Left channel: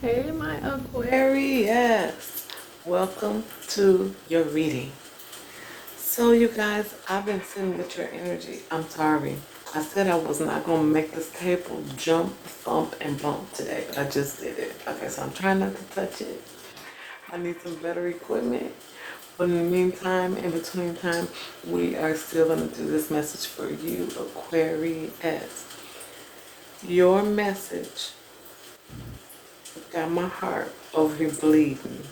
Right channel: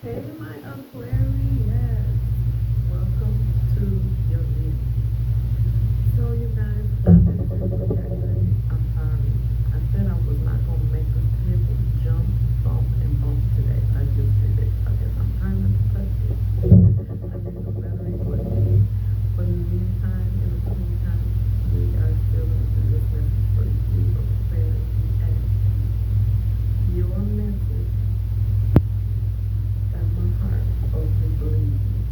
Hey, my Aquarius. Welcome to your reading. So, you guys, I've been sitting with your energy. I'm sorry. I said I was not going to make this table jump, thump, and bump today, but I just did it. Okay, so I'm trying not to touch it. I need some better equipment. But in the meantime, in between time, we are still going to do this message for you, Aquarius. Your message got my heart over here bleeding.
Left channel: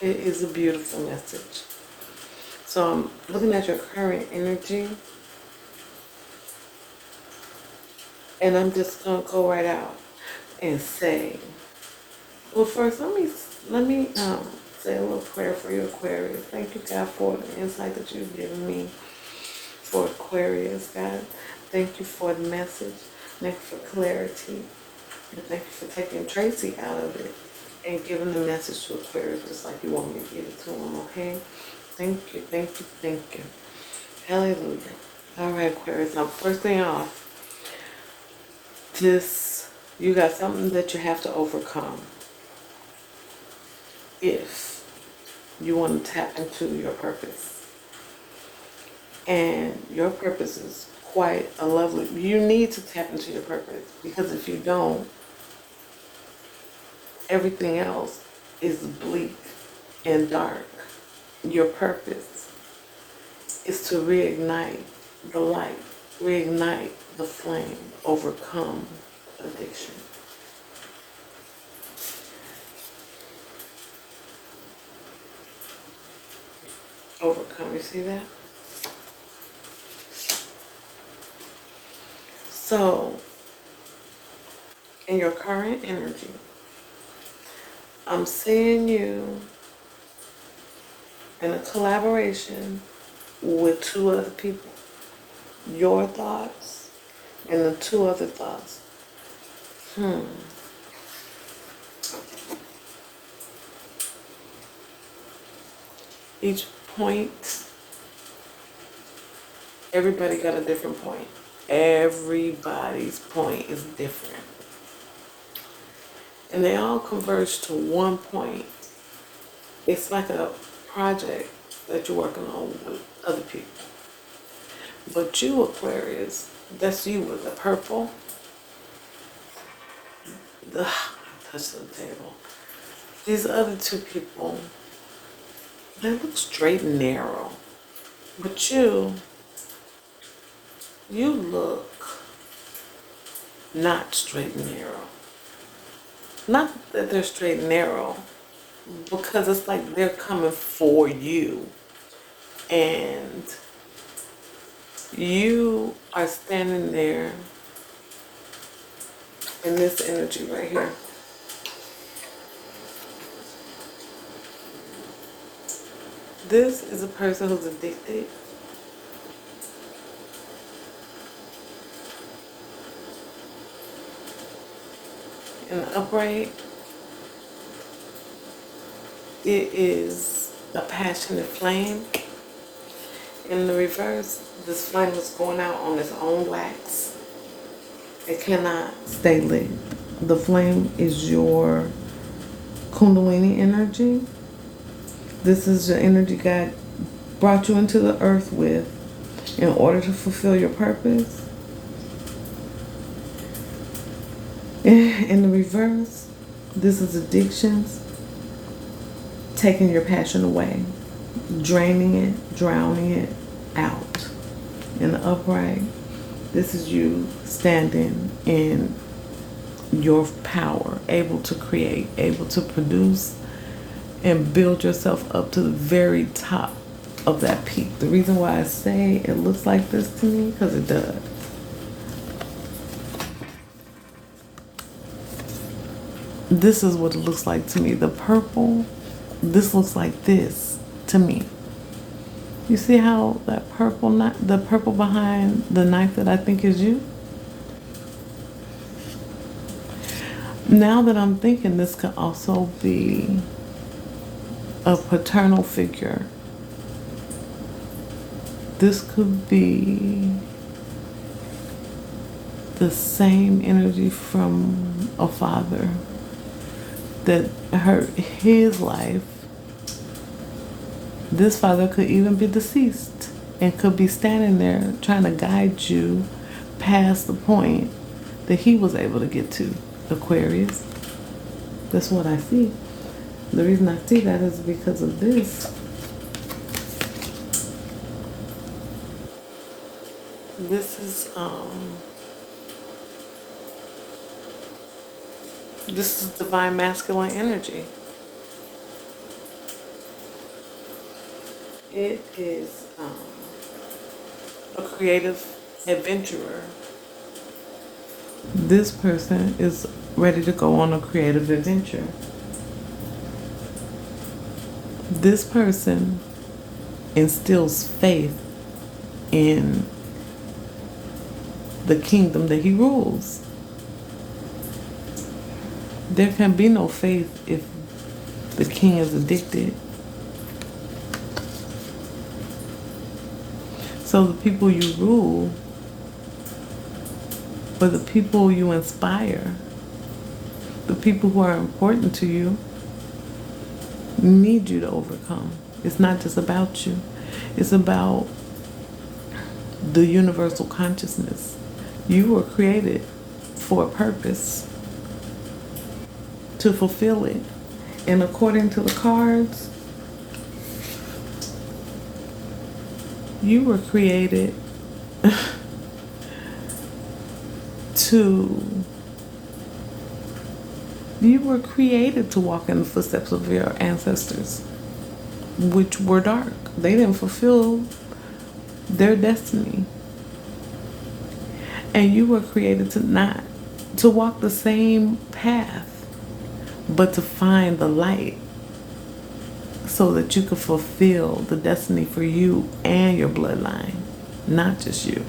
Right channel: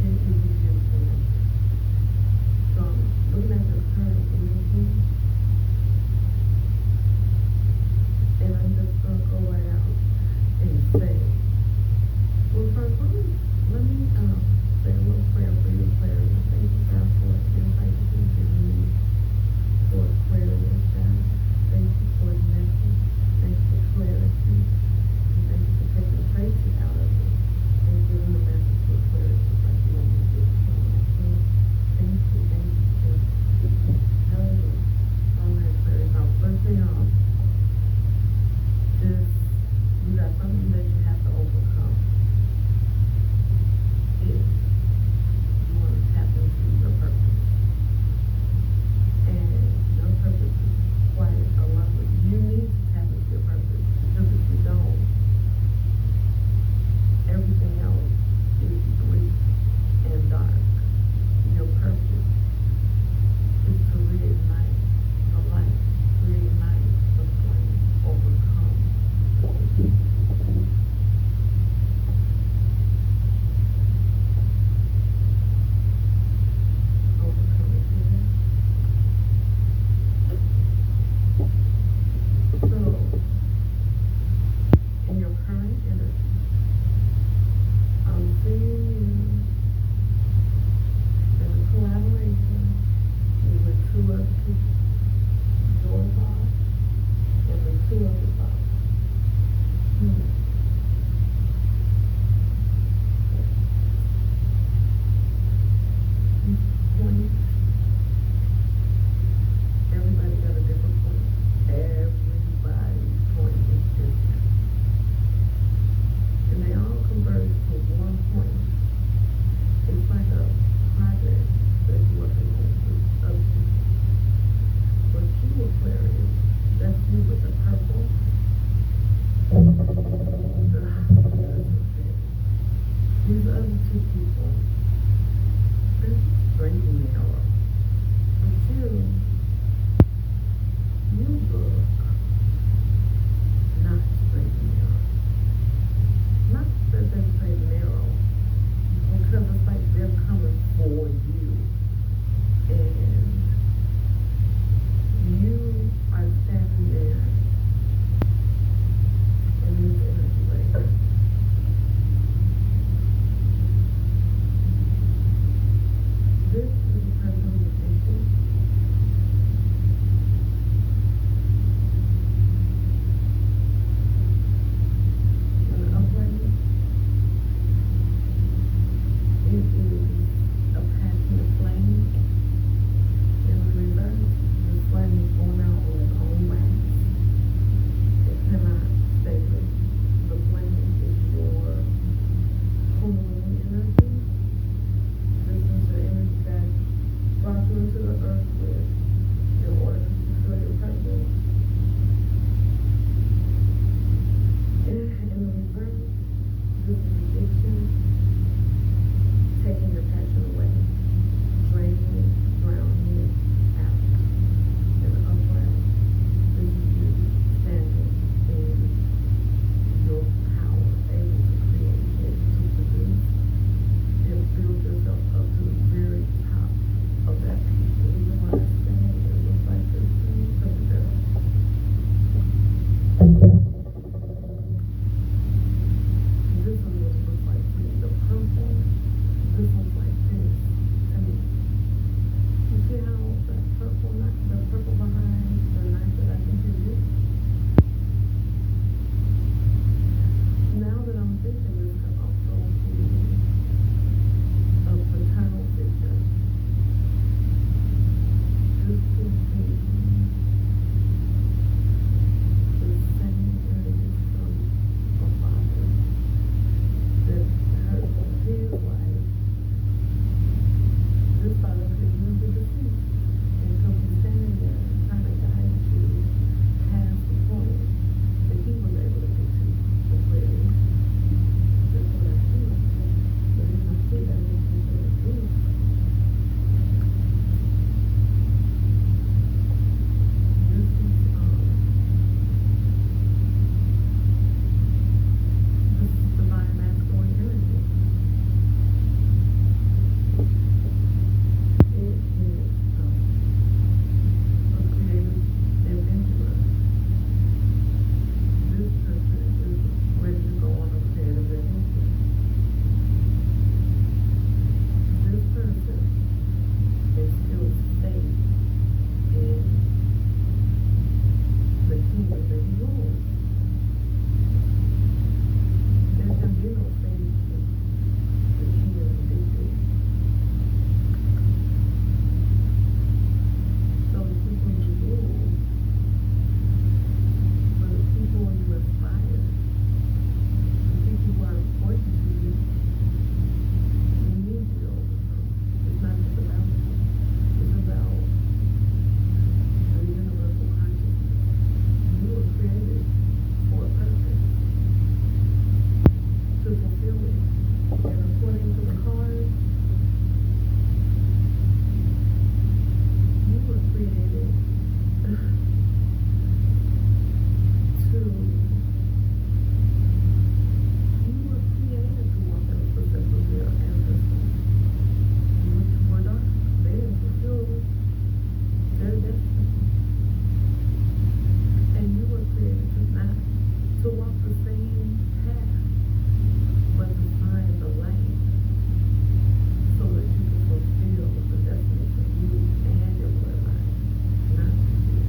It is a beautiful message. So I'm looking at your current energy, and I'm just gonna go right out and say, well, first let me say a little prayer for you, Aquarius. Thank you, God, for the insight that you've given me for Aquarius, God. Thank you for the message. Thank you for clarity. And thank you for taking Tracy out of it and giving the message to Aquarius just like you want me to give it to him, okay? Thank you, thank you, thank you. Hallelujah. All right, Aquarius. Now, first thing off, you got something that you have to overcome if you want to tap into your purpose. And your purpose is quite a lovely, you need to tap into your purpose, because if you don't, everything else is bleak and dark. Your purpose is to reignite the light, reignite the flame, overcome addiction. Overcome, you see that? So, in your current energy, I'm seeing you in a collaboration with two other people. Your thoughts and the two other thoughts. Each point, everybody got a different point. Everybody's point is different. And they all converge to one point. It's like a project that you're working on with other people. But you, Aquarius, that's you with the purple. That's the table. These other two people, they look straight and narrow. But you look not straight and narrow. Not that they're straight and narrow, because it's like they're coming for you. And you are standing there in this energy right here. This is a person who's addicted. In the upright, it is a passionate flame. In the reverse, this flame is going out on its own wax. It cannot stay lit. The flame is your Kundalini energy. This is the energy God brought you into the earth with in order to fulfill your purpose. In the reverse, this is addictions, taking your passion away, draining it, drowning it out. In the upright, this is you standing in your power, able to create, able to produce, and build yourself up to the very top of that peak. The reason why I say it looks like this to me, because it does. This is what it looks like to me. The purple, this looks like this to me. You see how that purple, the purple behind the knife that I think is you? Now that I'm thinking, this could also be a paternal figure. This could be the same energy from a father. that hurt his life, this father could even be deceased and could be standing there trying to guide you past the point that he was able to get to, Aquarius. That's what I see. The reason I see that is because of this. This is divine masculine energy. It is a creative adventurer. This person is ready to go on a creative adventure. This person instills faith in the kingdom that he rules. There can be no faith if the king is addicted. So the people you rule, or the people you inspire, the people who are important to you, need you to overcome. It's not just about you. It's about the universal consciousness. You were created for a purpose, to fulfill it. And according to the cards, you were created to walk in the footsteps of your ancestors, which were dark. They didn't fulfill their destiny. And you were created to walk the same path, but to find the light so that you could fulfill the destiny for you and your bloodline, not just you.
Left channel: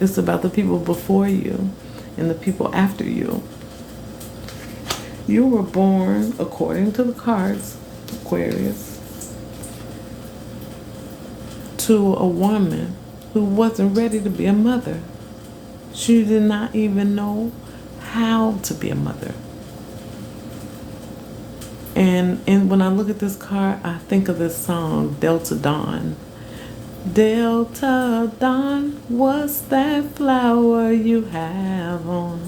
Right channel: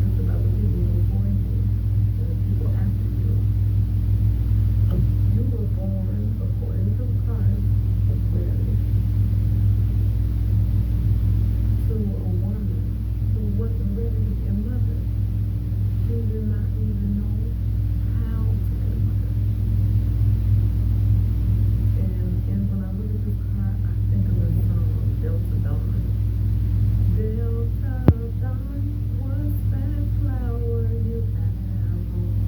It's about the people before you and the people after you. You were born, according to the cards, Aquarius, to a woman who wasn't ready to be a mother. She did not even know how to be a mother. And when I look at this card, I think of this song, Delta Dawn. Delta Dawn, what's that flower you have on?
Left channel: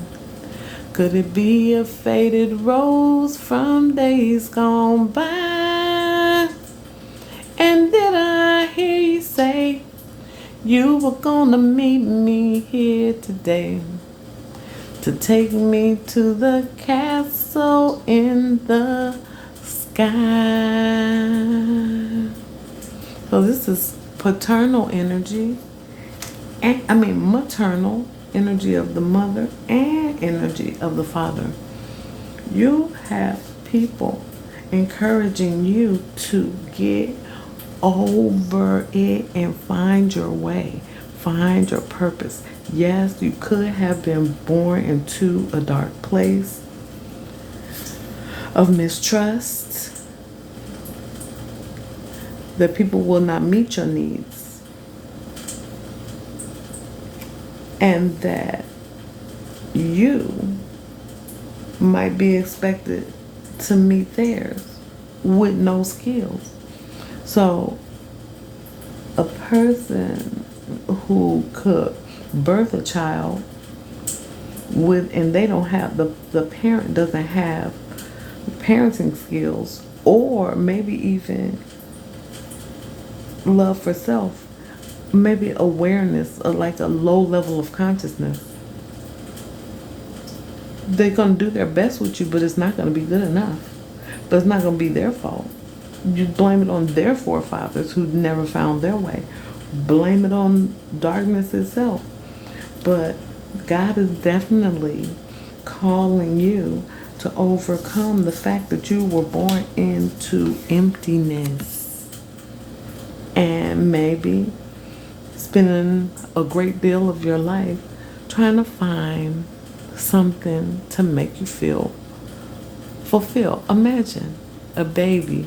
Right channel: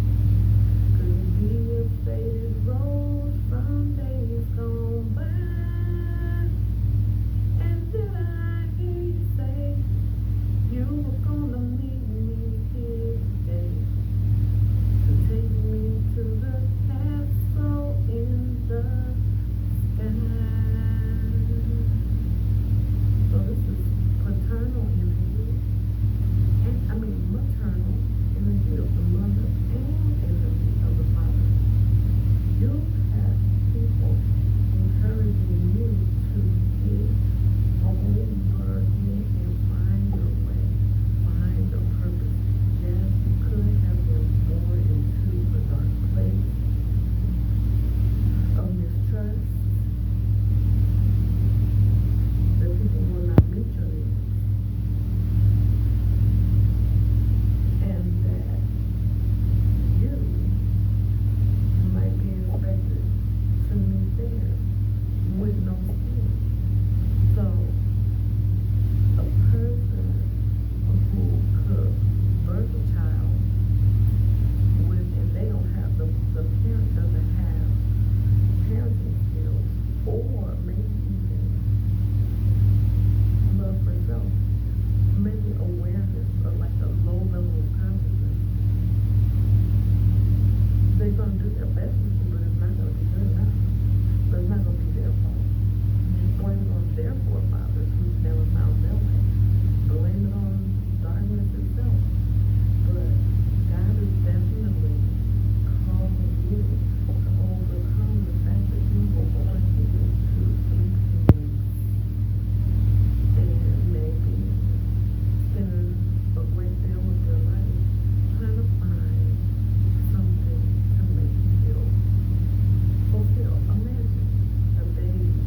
Could it be a faded rose from days gone by? And did I hear you say you were gonna meet me here today to take me to the castle in the sky? So this is paternal energy, maternal energy of the mother and energy of the father. You have people encouraging you to get over it and find your way, find your purpose. Yes, you could have been born into a dark place of mistrust, that people will not meet your needs, and that you might be expected to meet theirs with no skills. So a person who could birth a child and they don't have, the parent doesn't have parenting skills, or maybe even love for self, maybe awareness, or like a low level of consciousness. They're going to do their best with you, but it's not going to be good enough. But it's not going to be their fault. You blame it on their forefathers who never found their way. Blame it on darkness itself. But God is definitely calling you to overcome the fact that you were born into emptiness, and maybe spending a great deal of your life trying to find something to make you feel fulfilled. Imagine a baby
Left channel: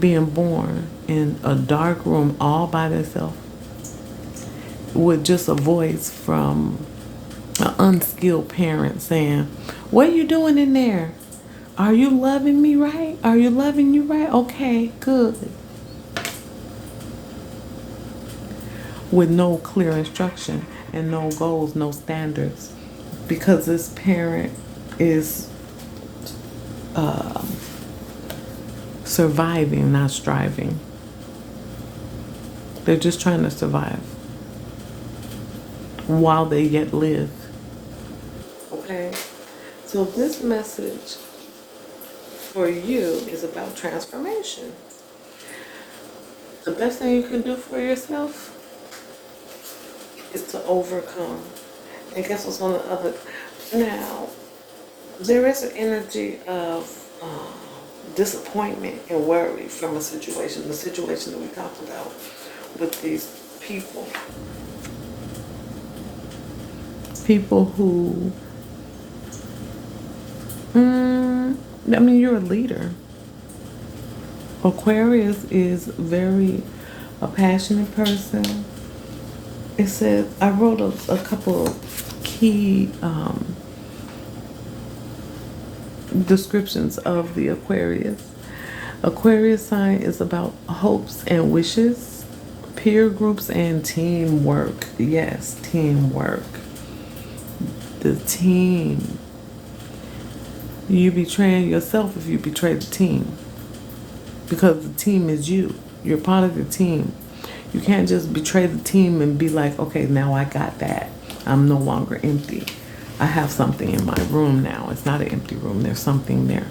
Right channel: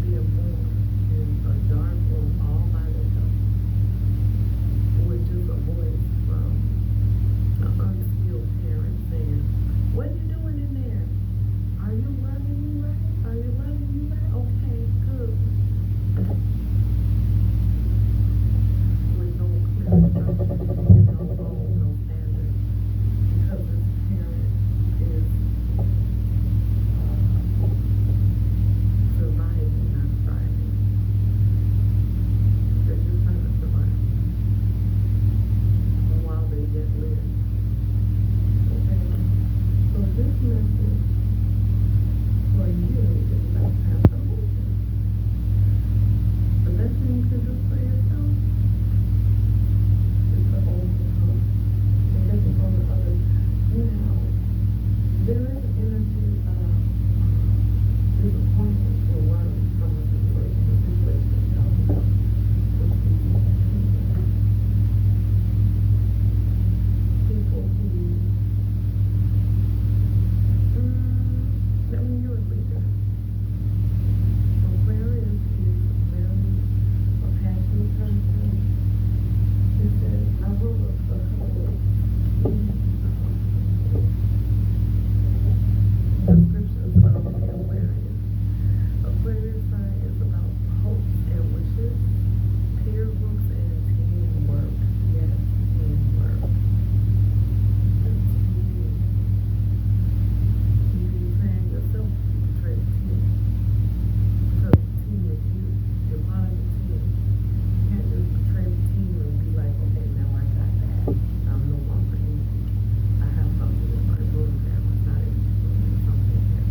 being born in a dark room all by themselves with just a voice from An unskilled parent saying, "What are you doing in there? Are you loving me right? Are you loving you right? Okay, good." With no clear instruction and no goals, no standards, because this parent is surviving, not striving. They're just trying to survive while they yet live. Okay, so this message for you is about transformation. The best thing you can do for yourself is to overcome. And guess what's on the other? Now, there is an energy of disappointment and worry from a situation, the situation that we talked about with these people. People who, I mean, you're a leader. Aquarius is a passionate person. It says, I wrote a couple of key descriptions of the Aquarius. Aquarius sign is about hopes and wishes, peer groups, and teamwork. Yes, teamwork. The team. You betraying yourself if you betray the team, because the team is you. You're part of the team. You can't just betray the team and be like, okay, now I got that. I'm no longer empty. I have something in my room now. It's not an empty room. There's something there.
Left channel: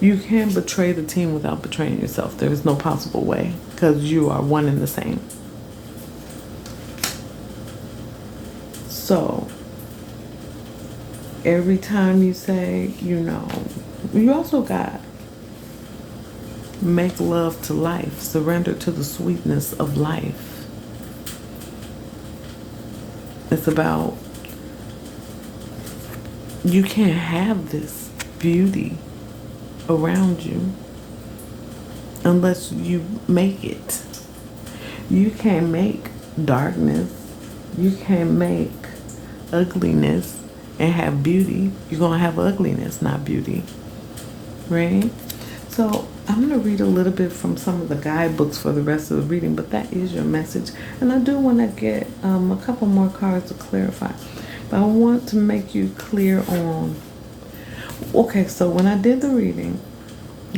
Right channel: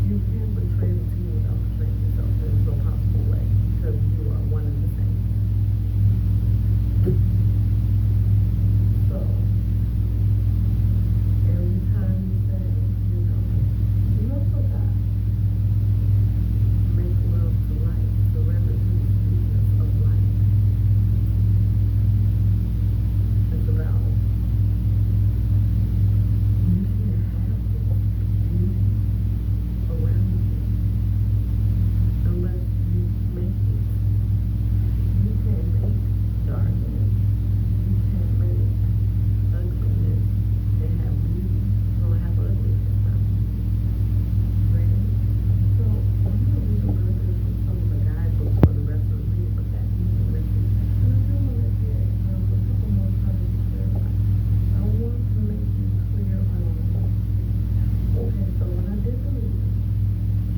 You can't betray the team without betraying yourself. There is no possible way, because you are one and the same. So, every time you say, you also got make love to life, surrender to the sweetness of life. It's about, you can't have this beauty around you unless you make it. You can't make darkness. You can't make ugliness and have beauty. You're going to have ugliness, not beauty. Right? So I'm going to read a little bit from some of the guidebooks for the rest of the reading, but that is your message. And I do want to get a couple more cards to clarify. But I want to make you clear on, okay, so when I did the reading,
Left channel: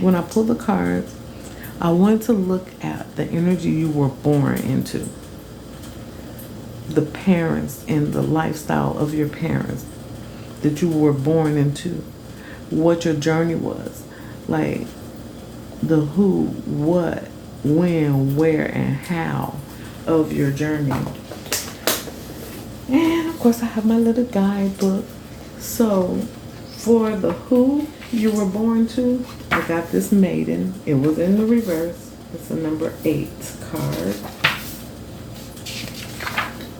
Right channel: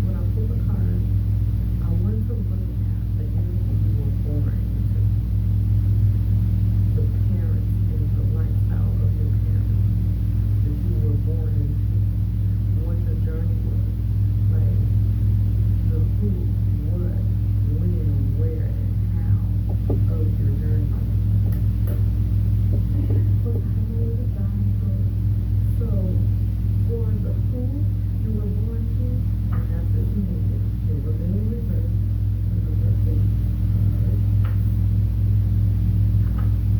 when I pulled the cards, I wanted to look at the energy you were born into, the parents and the lifestyle of your parents that you were born into, what your journey was, like the who, what, when, where, and how of your journey. And of course I have my little guidebook. So for the who you were born to, I got this maiden. It was in the reverse. It's a number 8 card.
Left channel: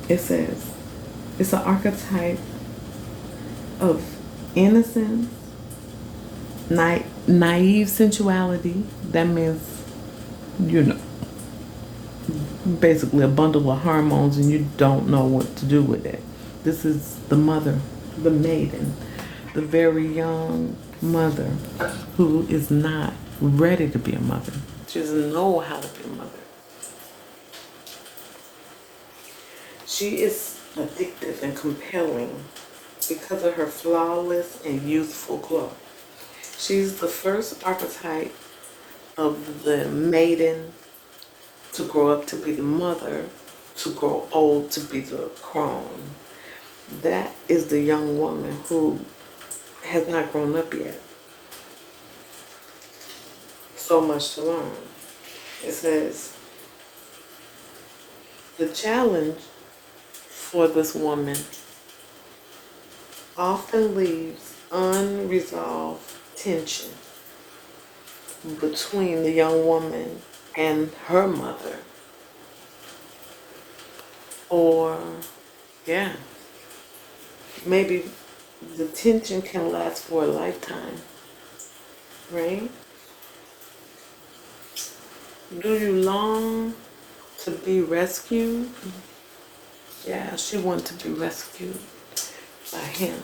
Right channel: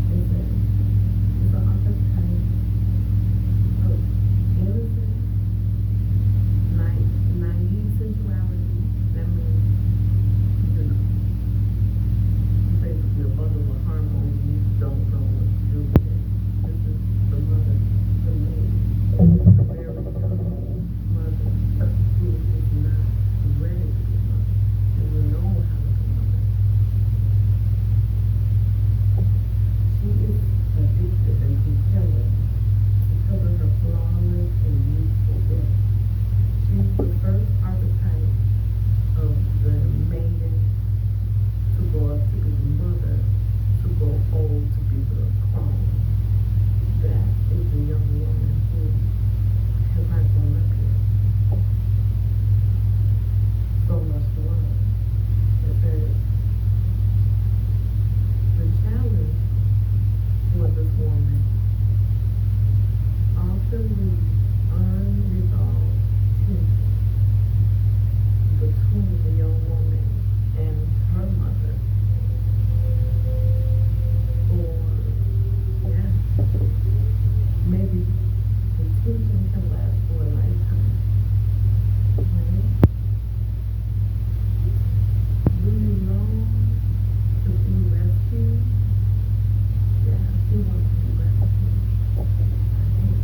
It says, it's an archetype of innocence, naive sensuality. That means, basically a bundle of hormones and you don't know what to do with it. This is the mother, the maiden, the very young mother who is not ready to be a mother. She doesn't know how to be a mother. She is addictive and compelling because of her flawless and youthful glow. She's the first archetype of the maiden to grow up to be the mother, to grow old to be the crone. That is the young woman who has not grown up yet. So much to learn. It says, the challenge for this woman often leaves unresolved tension between the young woman and her mother. Or, maybe the tension can last for a lifetime, right? Do you long to be rescued? Yeah, she wants to be rescued. him.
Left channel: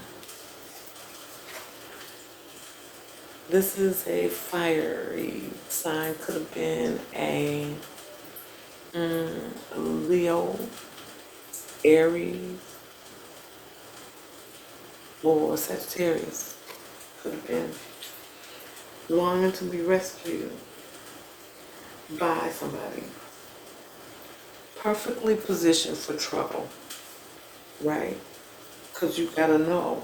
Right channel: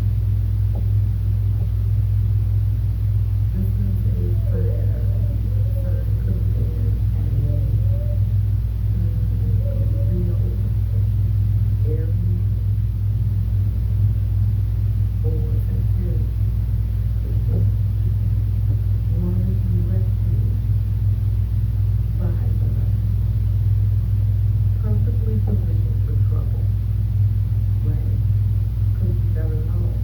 This is a fiery sign. Could have been a Leo, Aries, or Sagittarius. Could have been longing to be rescued by somebody. Perfectly positioned for trouble, right? Because you gotta know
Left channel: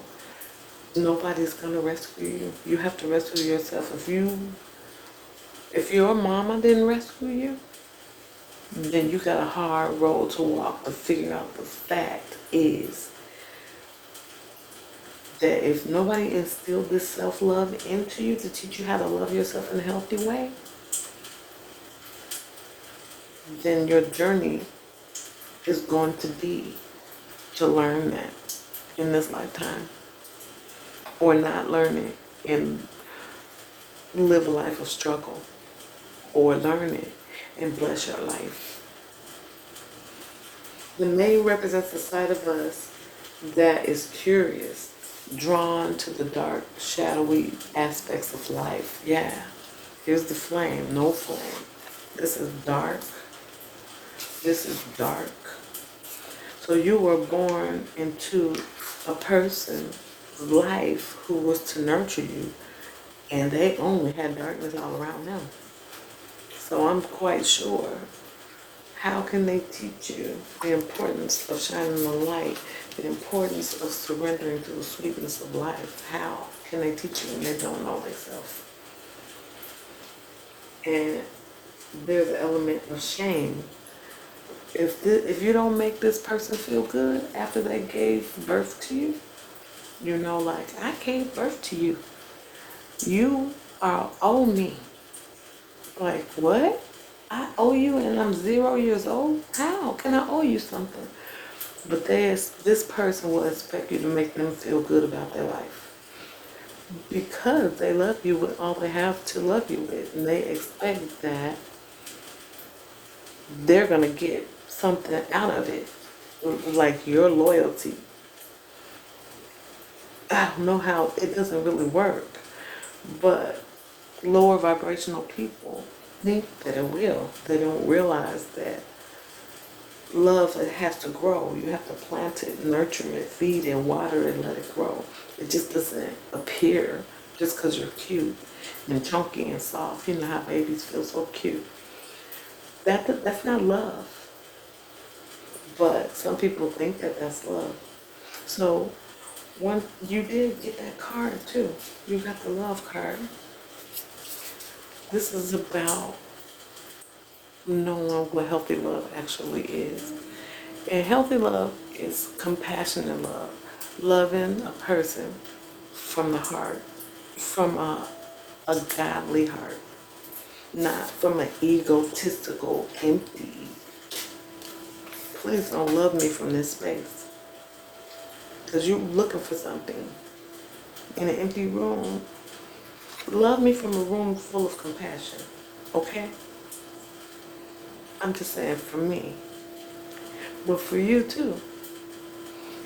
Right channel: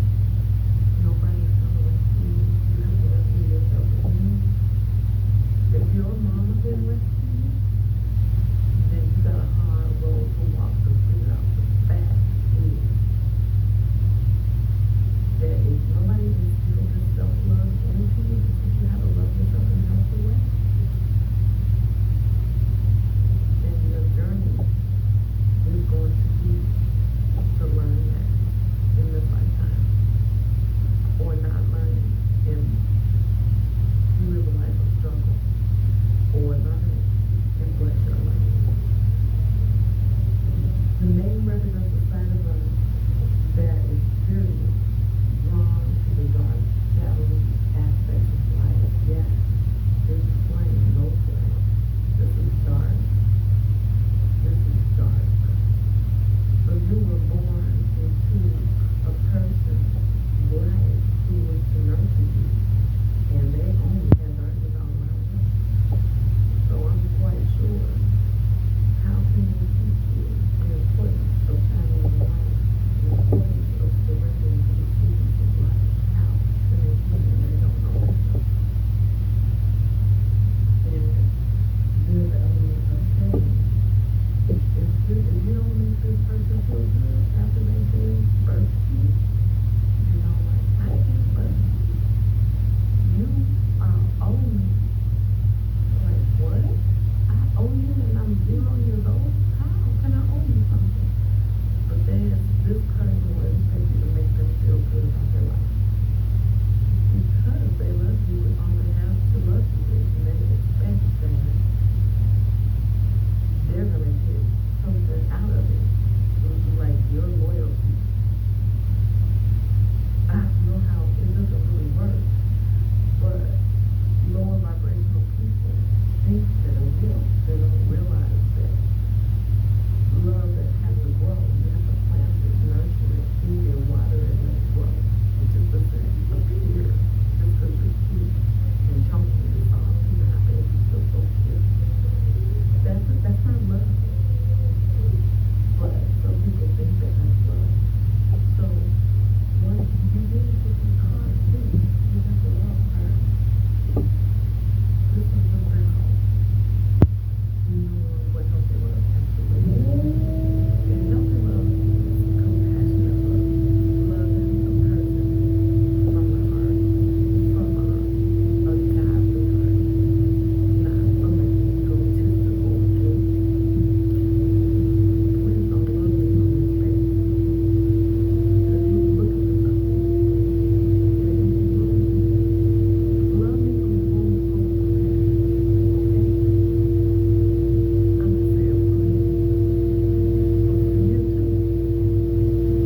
nobody's gonna rescue you. You have to rescue yourself. If your mama didn't rescue you, then you got a hard road to walk to figure out. The fact is that if nobody instilled this self-love into you to teach you how to love yourself in a healthy way, then your journey is going to be to learn that in this lifetime, or not learn it and live a life of struggle, or learn it and bless your life. The May represents the side of us that is curious, drawn to the dark, shadowy aspects of life. Yeah, here's the flame, no flame. This is dark. This is dark. So you were born into a person's life who was to nurture you, and they only had darkness all around them. So I'm quite sure, how can they teach you the importance of shining the light, the importance of surrendering to the sweetness of life? How can they teach you when they don't know themselves? And there's an element of shame. If you don't make this person feel good after they gave birth to you, you know, like, I gave birth to you. You are owe me. Like, what? I owe you and I'm 0 years old? How can I owe you something? But this person will expect you to make them feel good about their life, because they love you with all they have to love you with, and they expect that they're gonna get something out of it, like your loyalty. I don't know how it doesn't really work, but lower vibrational people think that it will. They don't realize that love, it has to grow. You have to plant it, nurture it, feed it, water it, let it grow. It just doesn't appear just because you're cute and chunky and soft. You know how babies feel so cute. That's not love. But some people think that that's love. So when you did get that card too, you got the love card. This is about knowing what healthy love actually is. And healthy love is compassionate love, loving a person from the heart, from a godly heart, not from an egotistical, empty. Please don't love me from this space, because you're looking for something in an empty room. Love me from a room full of compassion, okay? I'm just saying, for me, but for you too.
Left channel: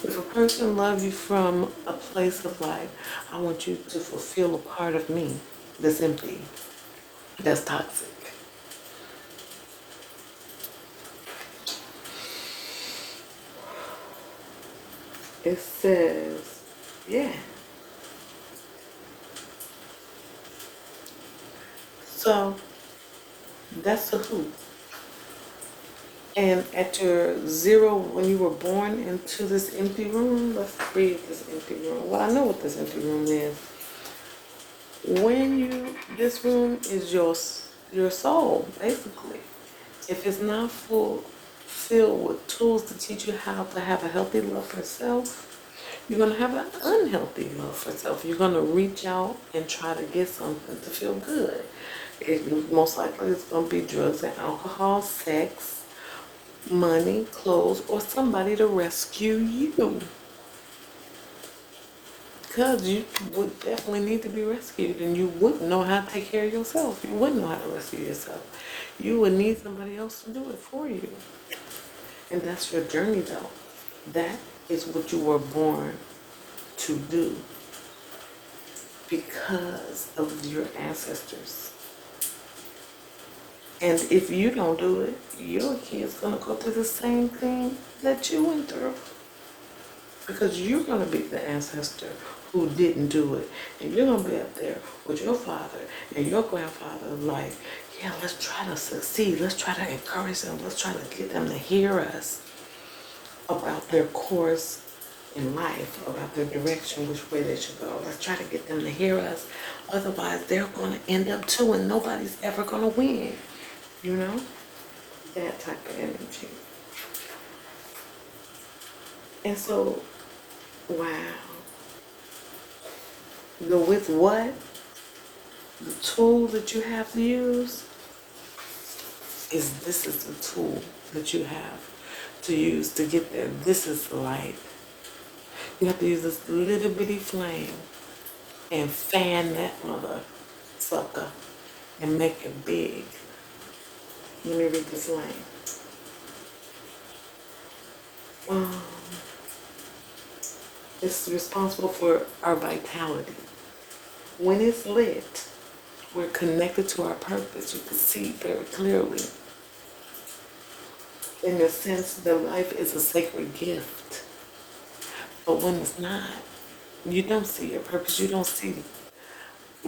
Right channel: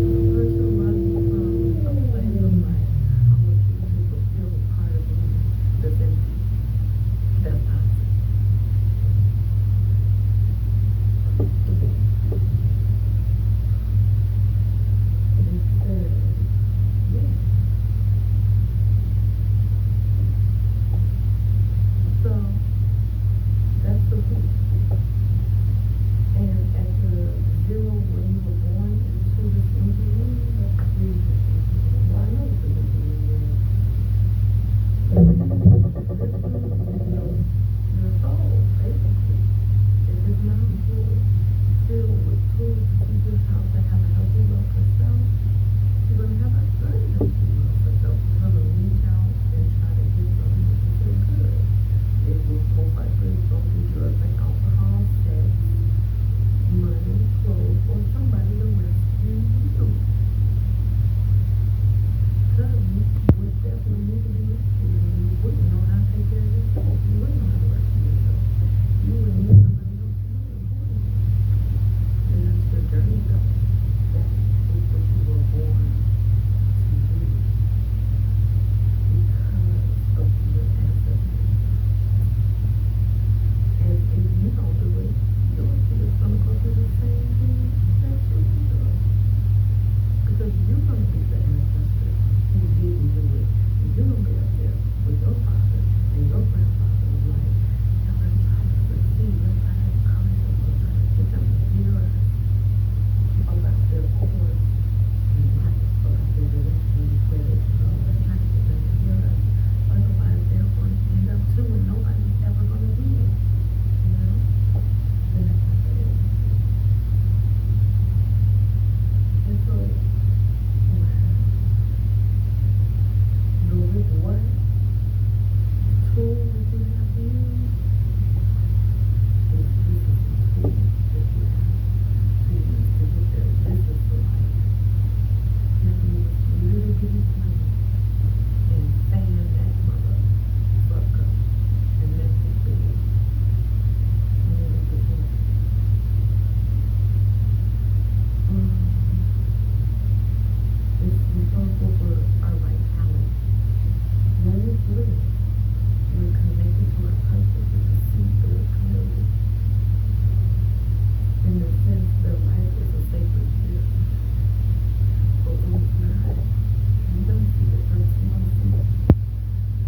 If a person loves you from a place of like, I want you to fulfill a part of me that's empty, that's toxic. It says, yeah. So that's the who. And at your 0, when you were born into this empty room, let's read this empty room. Well, I know what this empty room is. This room is your soul, basically. If it's not filled with tools to teach you how to have a healthy love for self, you're gonna have an unhealthy love for self. You're gonna reach out and try to get something to feel good. Most likely it's gonna be drugs and alcohol, sex, money, clothes, or somebody to rescue you. Because you would definitely need to be rescued, and you wouldn't know how to take care of yourself. You wouldn't know how to rescue yourself. You would need somebody else to do it for you. And that's your journey, though. That is what you were born to do because of your ancestors. And if you don't do it, your kid's gonna go through the same thing that you went through. Because you're gonna be the ancestor who didn't do it. And you're gonna be up there with your father and your grandfather like, yeah, let's try to succeed. Let's try to encourage them. Let's try to get them to hear us about their course in life, about their direction, which way they should go. Let's try to get them to hear us. Otherwise, they're gonna end up too, and nobody's ever gonna win. You know? That type of energy. And so, wow. With what? The tool that you have to use this is the tool that you have to use to get there. This is the light. You have to use this little bitty flame and fan that mother sucker and make it big. Let me read this line. It's responsible for our vitality. When it's lit, we're connected to our purpose. You can see very clearly. In a sense, that life is a sacred gift. But when it's not, you don't see your purpose. You don't see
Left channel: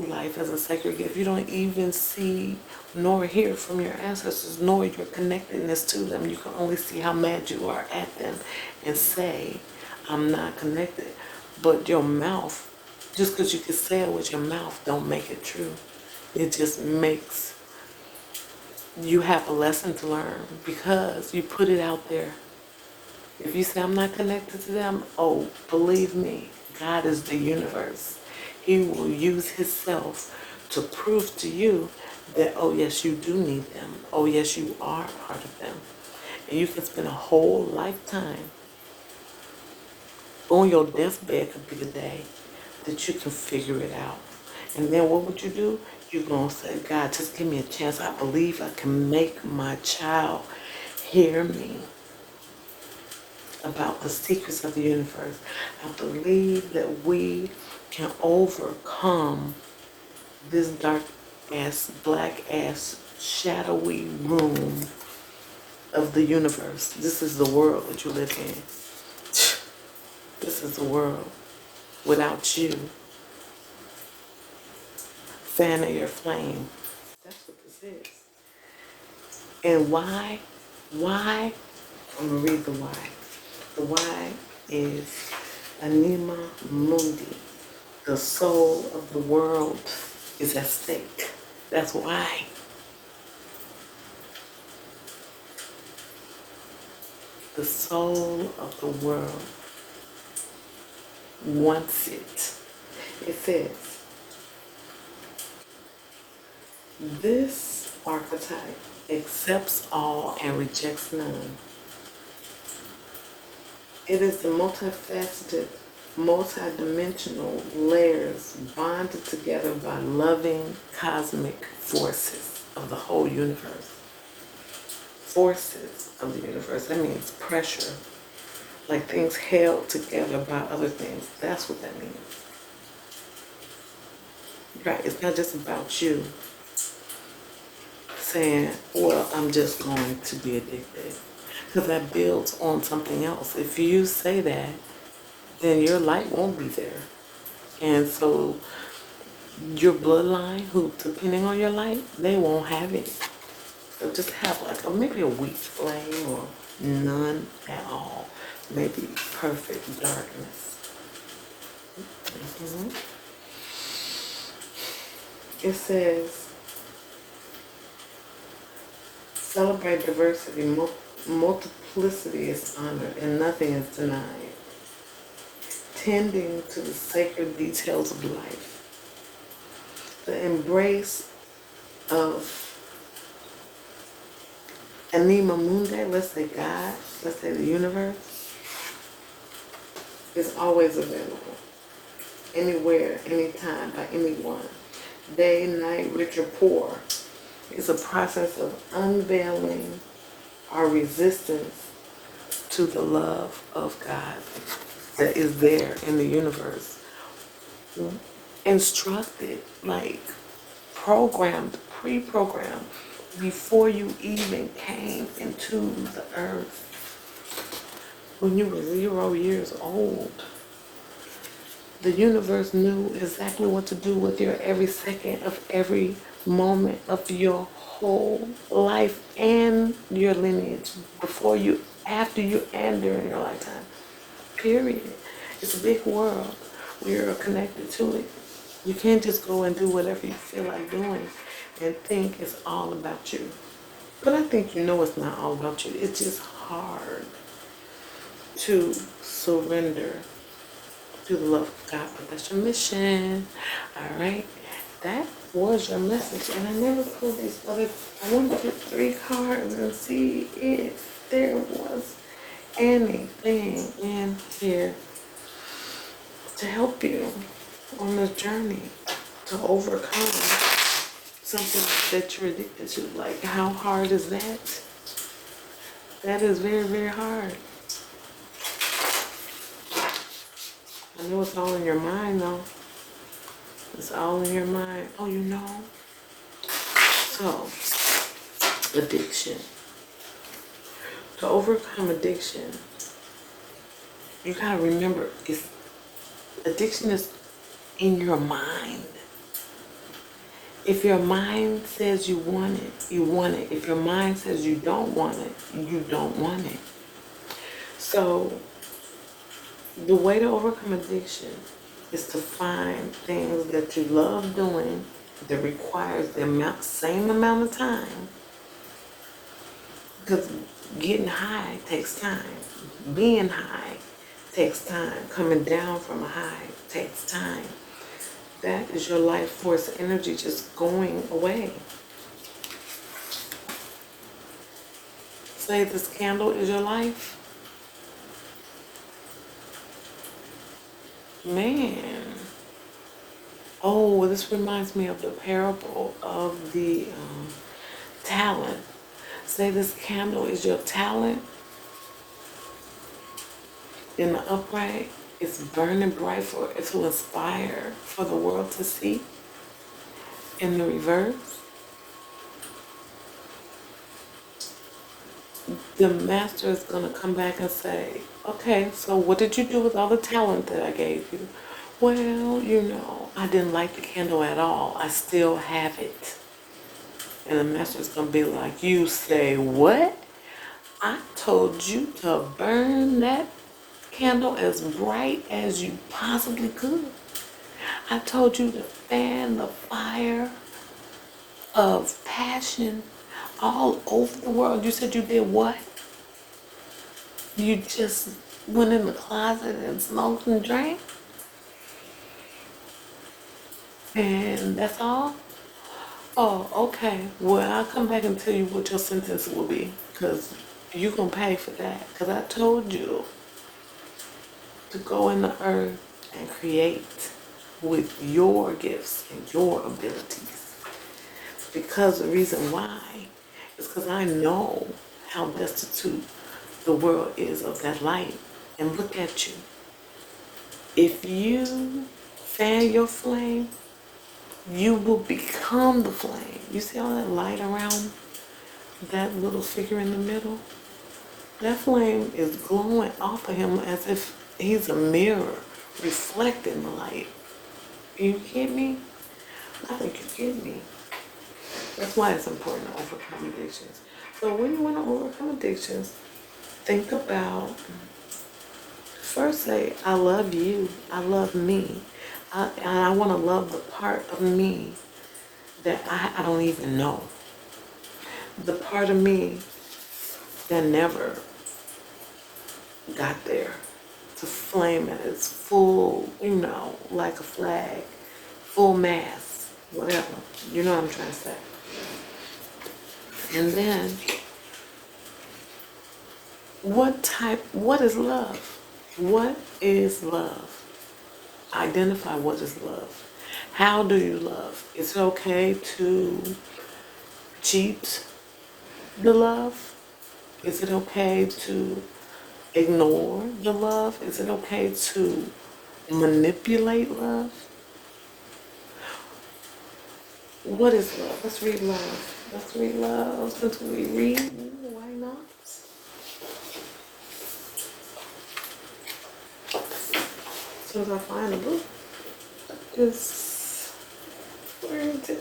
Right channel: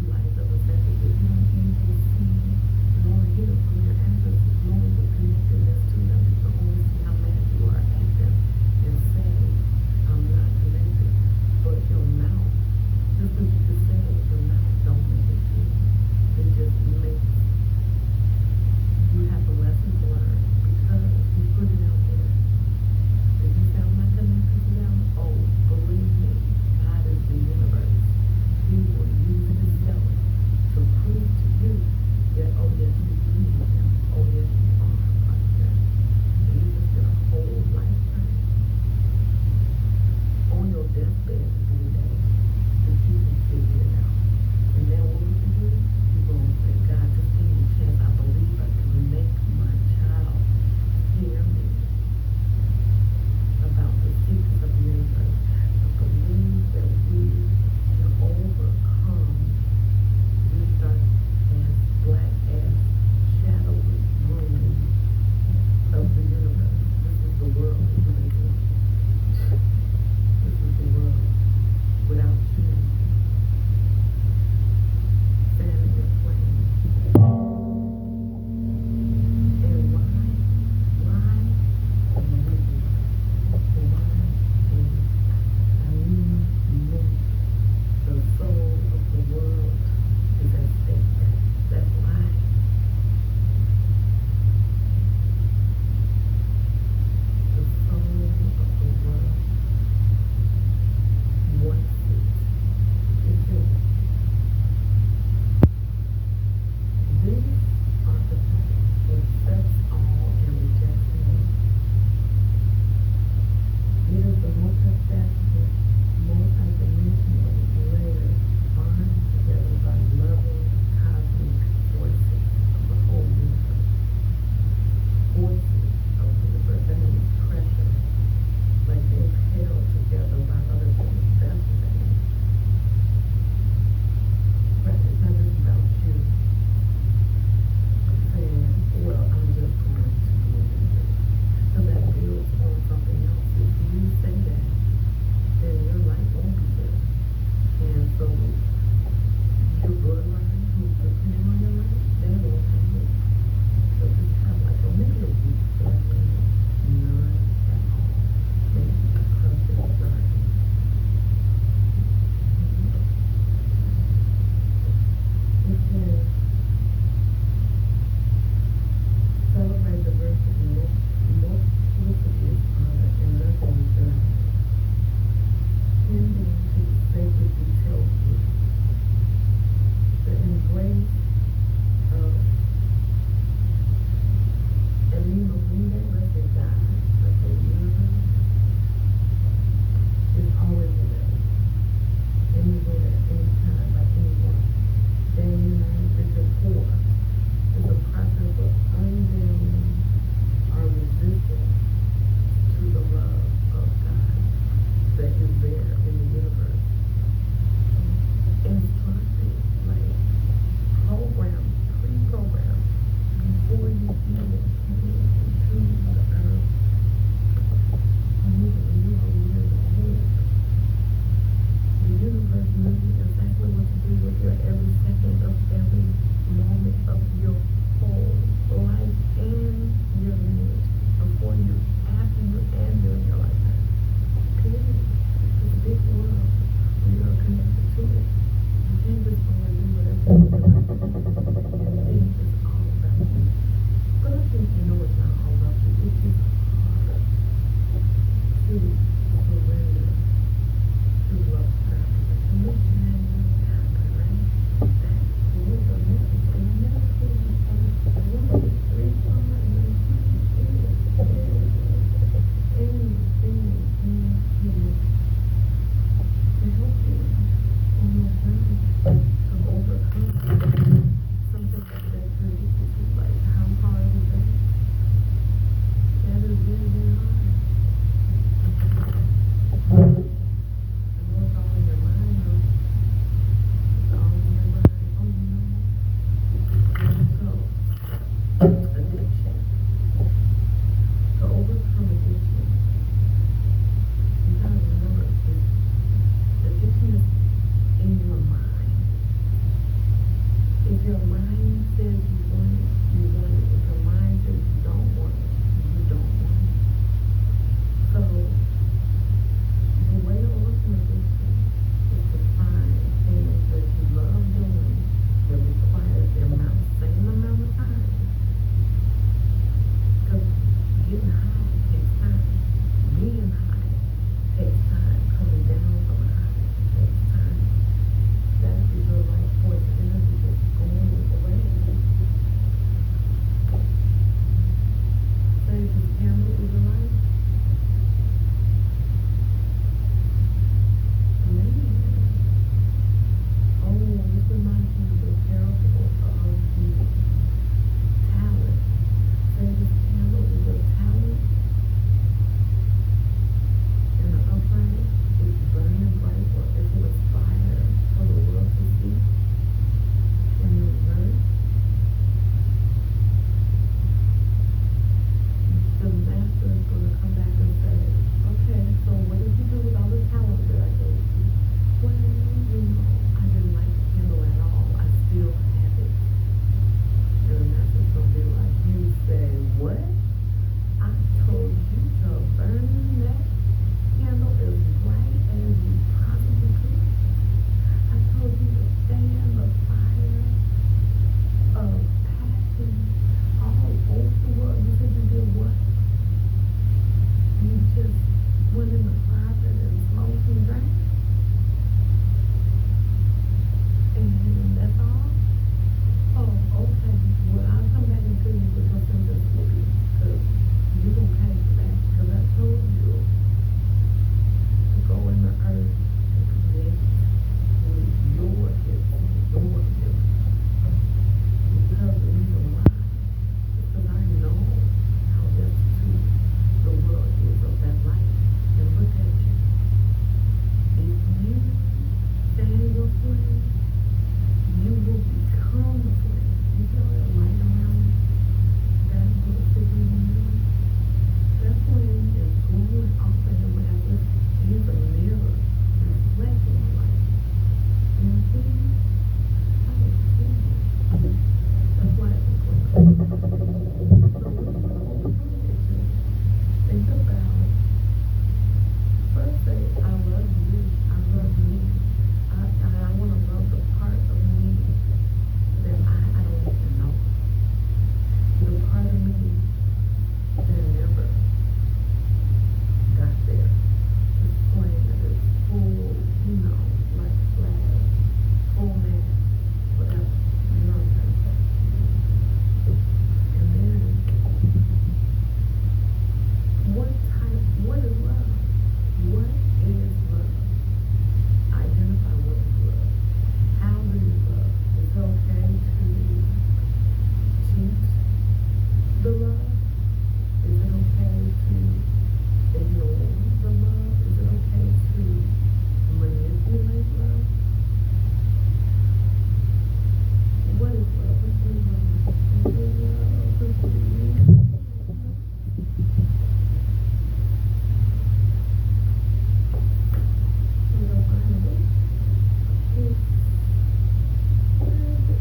life as a sacred gift. You don't even see nor hear from your ancestors, nor your connectedness to them. You can only see how mad you are at them and say, I'm not connected. But your mouth, just because you can say it with your mouth, don't make it true. It just makes you have a lesson to learn because you put it out there. If you say, I'm not connected to them, oh, believe me, God is the universe. He will use himself to prove to you that, oh, yes, you do need them. Oh, yes, you are part of them. And you can spend a whole lifetime. On your deathbed could be the day that you can figure it out. And then what would you do? You're going to say, God, just give me a chance. I believe I can make my child hear me about the secrets of the universe. I believe that we can overcome this dark ass, black ass, shadowy room of the universe. This is the world that you live in. This is the world without you. Fanning your flame. And why? Why? I'm going to read the why. The why is Anima Mundi. The soul of the world is at stake. That's why. The soul of the world wants it. It says, this archetype accepts all and rejects none. It is the multifaceted, multidimensional layers bonded together by loving cosmic forces of the whole universe. Forces of the universe, that means pressure. Like things held together by other things. That's what that means. Right? It's not just about you saying, well, I'm just going to be addicted. Because that builds on something else. If you say that, then your light won't be there. And so your bloodline, who depending on your light, they won't have it. So just have like maybe a weak flame or none at all. Maybe perfect darkness. It says, celebrate diversity. Multiplicity is honored and nothing is denied. Tending to the sacred details of life. The embrace of Anima Mundi, let's say God, let's say the universe, is always available. Anywhere, anytime, by anyone. Day, night, rich or poor. It's a process of unveiling our resistance to the love of God that is there in the universe. instructed, like programmed, pre-programmed before you even came into the earth. When you were 0 years old, the universe knew exactly what to do with your every second of every moment of your whole life and your lineage, before you, after you, and during your lifetime. Period. It's a big world. We are connected to it. You can't just go and do whatever you feel like doing and think it's all about you. But I think you know it's not all about you. It's just hard to surrender to the love of God. But that's your mission. All right. That was your message. And I never pulled these other, I want to get 3 cards and see if there was anything in here to help you on the journey to overcome something that you're addicted to. Like, how hard is that? That is very, very hard. I know it's all in your mind, though. It's all in your mind. Oh, you know? So, addiction. To overcome addiction, you gotta remember, addiction is in your mind. If your mind says you want it, you want it. If your mind says you don't want it, you don't want it. So the way to overcome addiction is to find things that you love doing that requires the same amount of time. Because getting high takes time. Being high takes time. Coming down from a high takes time. That is your life force energy just going away. Say this candle is your life. Man. Oh, this reminds me of the parable of the talent. Say this candle is your talent. In the upright, it's burning bright to inspire for the world to see. In the reverse, the master is going to come back and say, okay, so what did you do with all the talent that I gave you? Well, you know, I didn't like the candle at all. I still have it. And the master's gonna be like, you say what? I told you to burn that candle as bright as you possibly could. I told you to fan the fire of passion all over the world. You said you did what? You just went in the closet and smoked and drank? And that's all? Oh, okay. Well, I'll come back and tell you what your sentence will be, because you're going to pay for that. Because I told you to go in the earth and create with your gifts and your abilities. Because the reason why is because I know how destitute the world is of that light. And look at you. If you fan your flame, you will become the flame. You see all that light around that little figure in the middle? That flame is glowing off of him as if he's a mirror reflecting the light. You get me? I think you get me. That's why it's important to overcome addictions. So when you want to overcome addictions, think about, first say, I love you, I love me. I want to love the part of me that I don't even know. The part of me that never got there to flame at its full, you know, like a flag, full mast, whatever. You know what I'm trying to say. And then, what is love? What is love? Identify what is love. How do you love? Is it okay to cheat the love? Is it okay to ignore the love? Is it okay to manipulate love? What is love? Let's read love. Let's read love. Since we read, why not? As soon as I find the book, just where is it?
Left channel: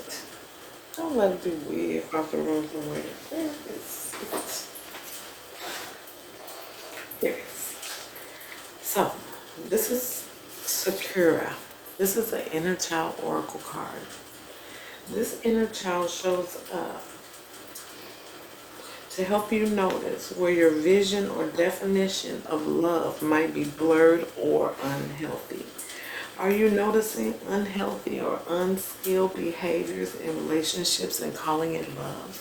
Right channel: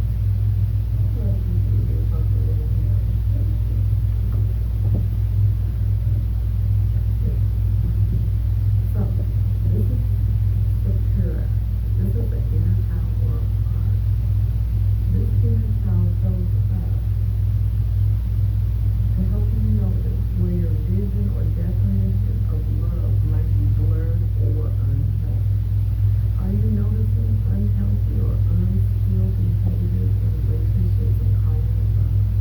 Don't let it be weird off the room somewhere. Where is it? There it is. So, this is Sakura. This is an inner child oracle card. This inner child shows up to help you notice where your vision or definition of love might be blurred or unhealthy. Are you noticing unhealthy or unskilled behaviors in relationships and calling it love?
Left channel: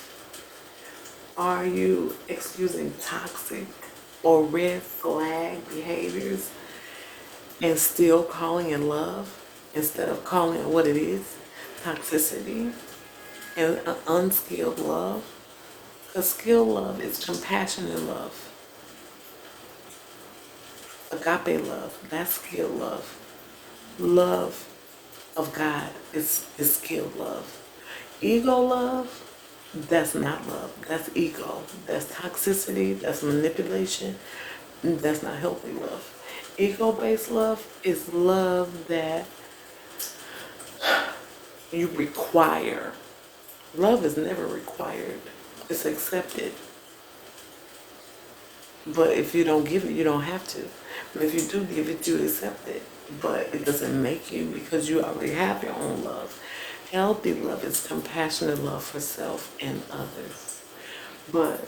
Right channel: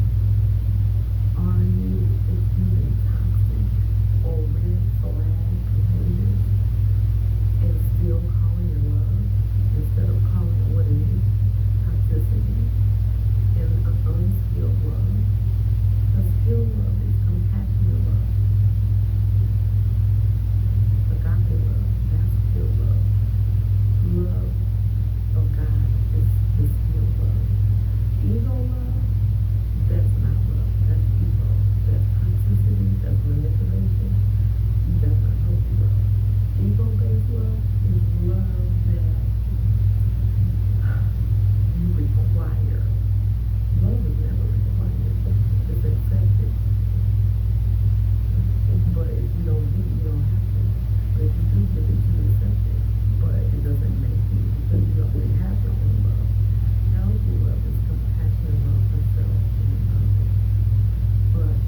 Are you excusing toxic or red flag behaviors and still calling it love instead of calling it what it is, toxicity and unskilled love? Because skilled love is compassionate love. Agape love, that's skilled love. Love of God is skilled love. Ego love, that's not love. That's ego. That's toxicity. That's manipulation. That's not healthy love. Ego-based love is love that you require. Love is never required. It's accepted. But if you don't give it, you don't have to. But if you do give it, you accept it. But it doesn't make you, because you already have your own love. Healthy love is compassionate love for self and others. But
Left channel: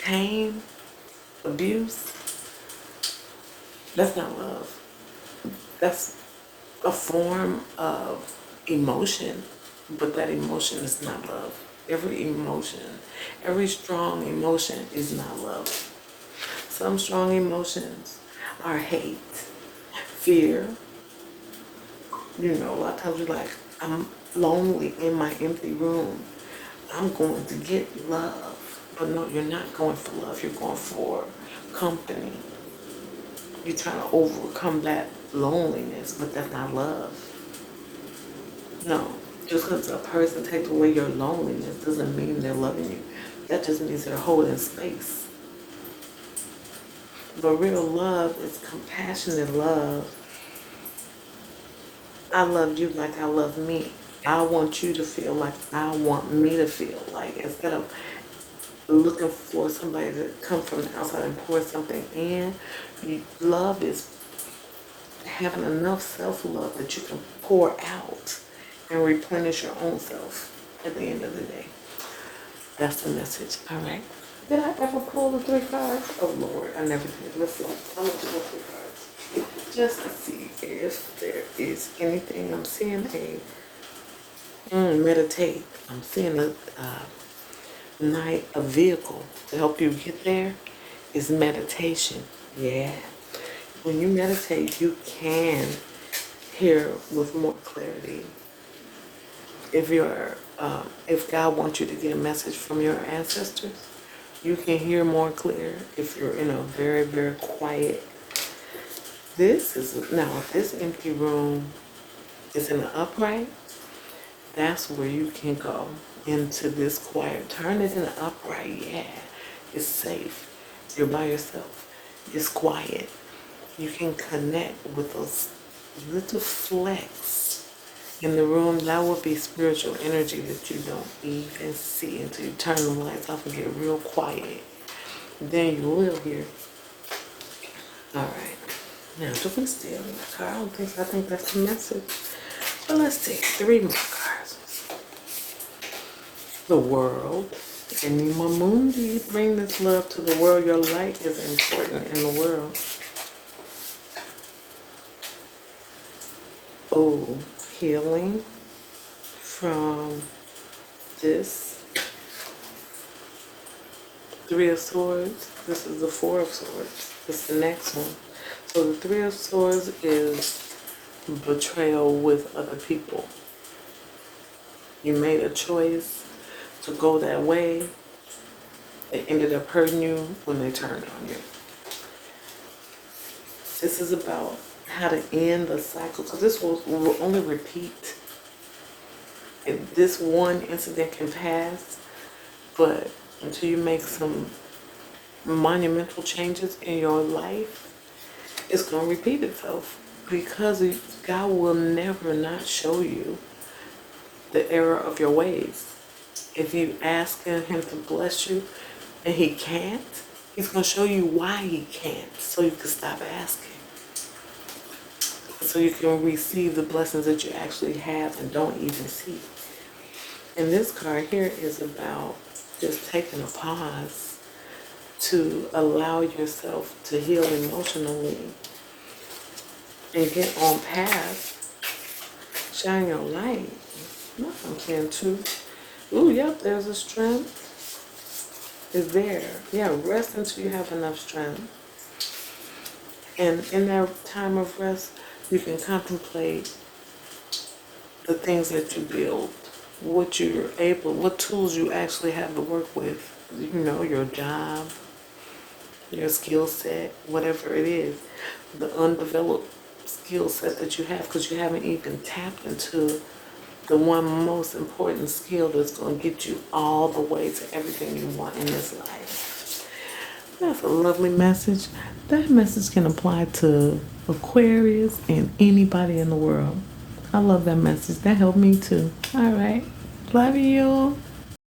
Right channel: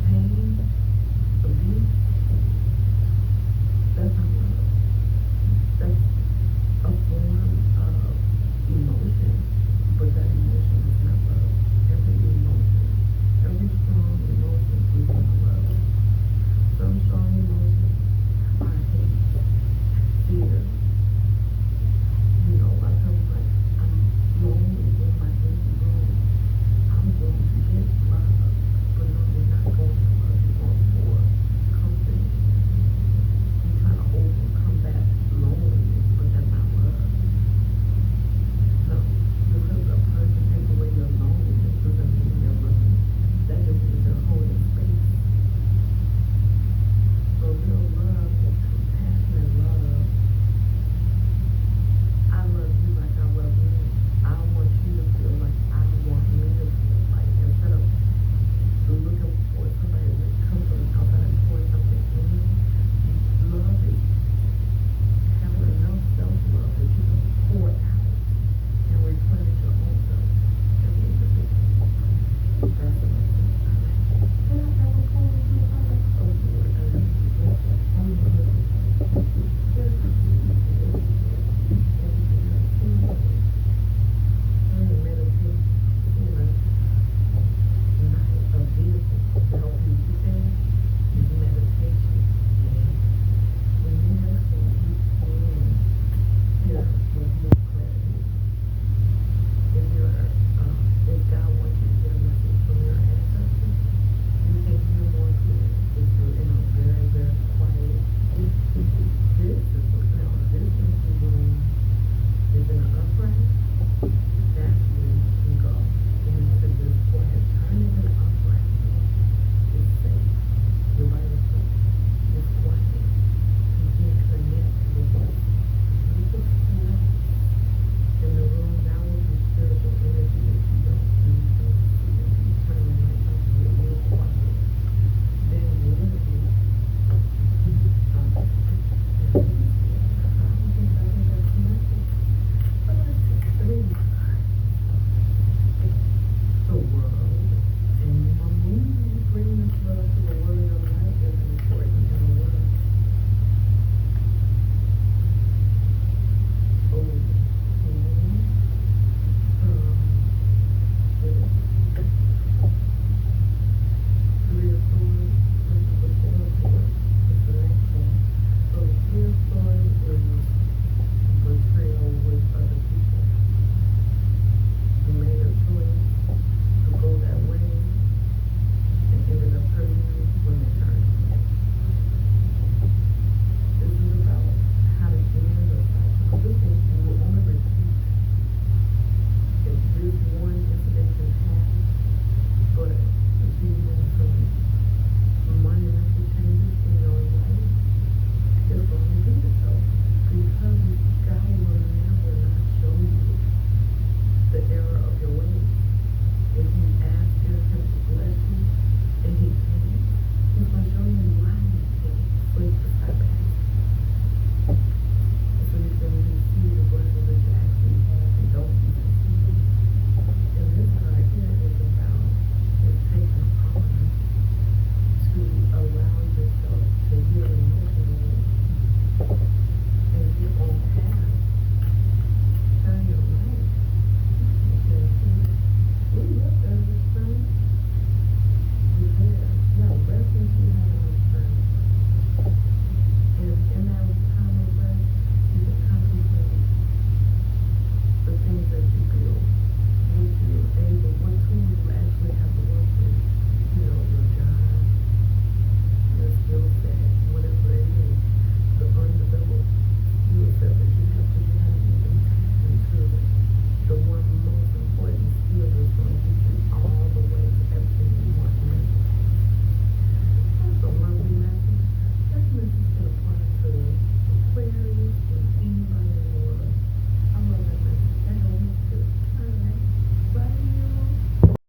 pain, abuse, that's not love. That's a form of emotion, but that emotion is not love. Every emotion, every strong emotion is not love. Some strong emotions are hate, fear. You know, a lot of times you're like, I'm lonely in my empty room. I'm going to get love. But no, you're not going for love. You're going for company. You're trying to overcome that loneliness, but that's not love. No, just because a person takes away your loneliness doesn't mean they're loving you. That just means they're holding space. But real love is compassionate love. I love you like I love me. I want you to feel like I want me to feel. Like, instead of looking for somebody to come from the outside and pour something in, love is having enough self-love that you can pour out and replenish your own self at the end of the day. That's the message. All right. Did I ever pull the 3 cards? Oh Lord, I never did. Let's see. I'm gonna pull 3 cards just to see if there is anything. I'm seeing meditate. I'm seeing a vehicle to help you get there is meditation. Yeah. When you meditate, you can hear with more clarity. If God wants you to get a message from your ancestors, you can hear more clear if you're in a very, very quiet. This empty room is in the upright. That's where you can go into this quiet. Turn it in the upright. Yeah, it's safe. You're by yourself. It's quiet. You can connect with those little flecks in the room. That will be spiritual energy that you don't even see until you turn the lights off and get real quiet. Then you will hear. All right. Now, do we still in my car? I don't think so. I think that's the message. But let's take 3 more cards. The world. And Mamundi, bring this love to the world. Your light is important in the world. Oh, healing from this 3 of Swords. This is the 4 of Swords. This is the next one. So the 3 of Swords is betrayal with other people. You made a choice to go that way. It ended up hurting you when they turned on you. This is about how to end the cycle, because this will only repeat this one incident can pass, but until you make some monumental changes in your life, it's going to repeat itself, because God will never not show you the error of your ways. If you ask him to bless you and he can't, he's going to show you why he can't, so you can stop asking, so you can receive the blessings that you actually have and don't even see. And this card here is about just taking a pause to allow yourself to heal emotionally and get on path. Shine your light. And truth. Ooh, yep, there's a strength. Is there. Yeah, rest until you have enough strength. And in that time of rest, you can contemplate the things that you build, what tools you actually have to work with. You know, your job, your skill set, whatever it is, the undeveloped skill set that you have, because you haven't even tapped into the one most important skill that's going to get you all the way to everything you want in this life. That's a lovely message. That message can apply to Aquarius and anybody in the world. I love that message. That helped me too. All right. Love you.